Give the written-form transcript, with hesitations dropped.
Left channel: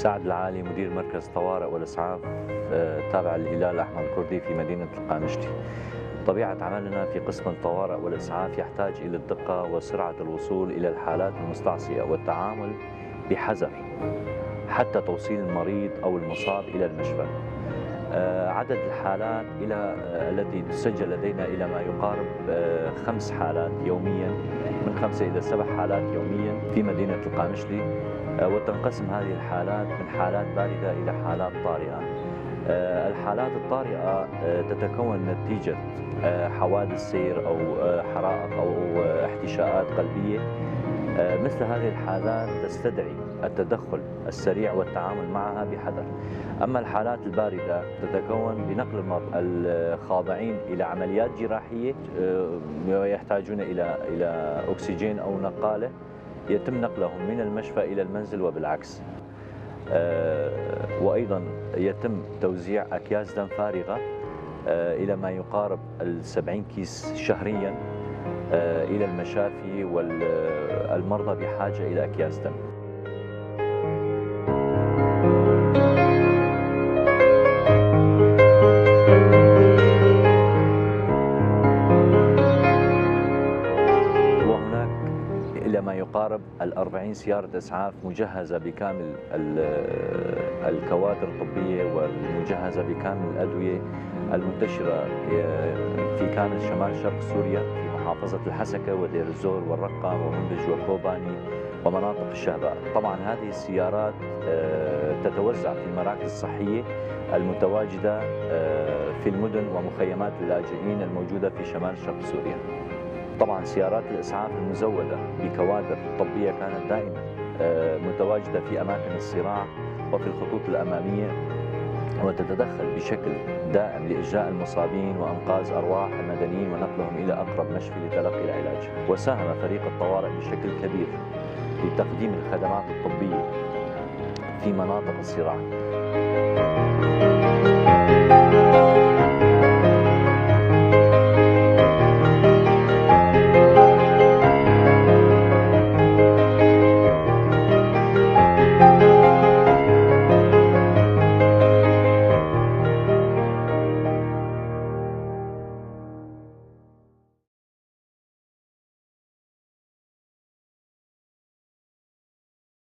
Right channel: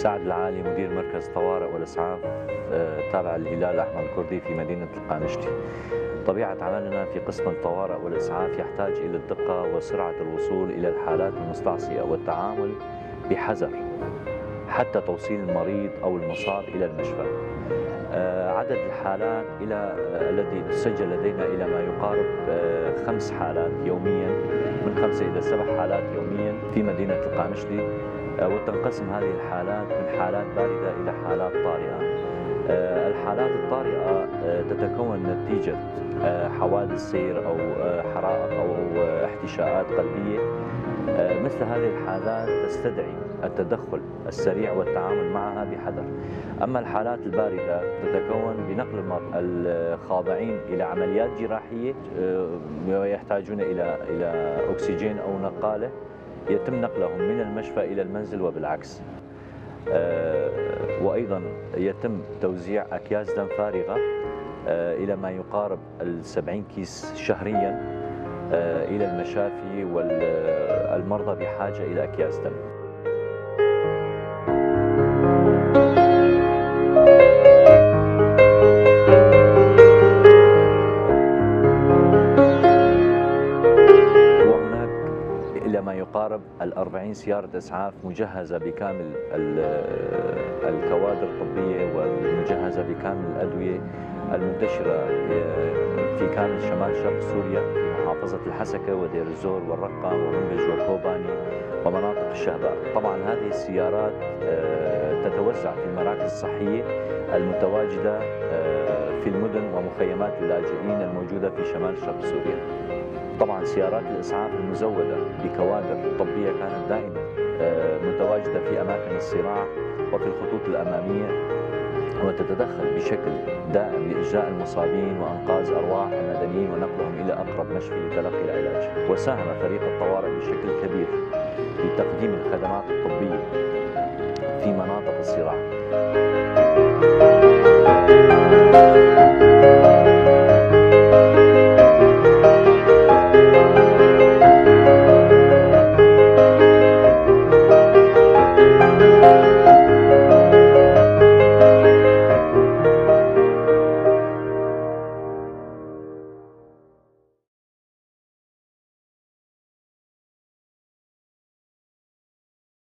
سعد العالي، مدير مركز طوارئ والإسعاف تابع للهلال الأحمر الكردي في مدينة القامشلي. طبيعة عملنا في قسم الطوارئ والإسعاف يحتاج إلى الدقة وسرعة الوصول إلى الحالات المستعصية والتعامل بحذر حتى توصيل المريض أو المصاب إلى المشفى. عدد الحالات التي تسجل لدينا إلى ما يقارب 5 حالات يوميا، من 5 إلى 7 حالات يوميا في مدينة القامشلي، وتنقسم هذه الحالات من حالات باردة إلى حالات طارئة. الحالات الطارئة تتكون نتيجة حوادث سير أو حرائق أو احتشاءات قلبية. مثل هذه الحالات تستدعي التدخل السريع والتعامل معها بحذر. أما الحالات الباردة تتكون بنقل الخاضعين إلى عمليات جراحية ويحتاجون إلى أكسجين أو نقالة، يتم نقلهم من المشفى إلى المنزل وبالعكس. وأيضا يتم توزيع أكياس دم فارغة إلى ما يقارب 70 كيس شهريا إلى المشافي والمرضى بحاجة إلى أكياس دم. وهناك إلى ما يقارب 40 سيارة إسعاف مجهزة بكامل الكوادر الطبية والمجهزة بكامل الأدوية المنتشرة في كامل شمال شرق سوريا، في محافظة الحسكة ودير الزور والرقم ومنبج وكوباني ومناطق الشهباء. طبعا هذه السيارات تتوزع في المراكز الصحية المتواجدة في المدن ومخيمات اللاجئين الموجودة في شمال شرق سوريا. طبعا سيارات الإسعاف المزودة بكوادر طبية كانت دائما متواجدة في أماكن الصراع وفي الخطوط الأمامية، وتتدخل بشكل دائم لإجلاء المصابين وإنقاذ أرواح المدنيين ونقلهم إلى أقرب مشفى لتلقي العلاج. وساهم فريق الطوارئ بشكل كبير لتقديم الخدمات الطبية في مناطق الصراع.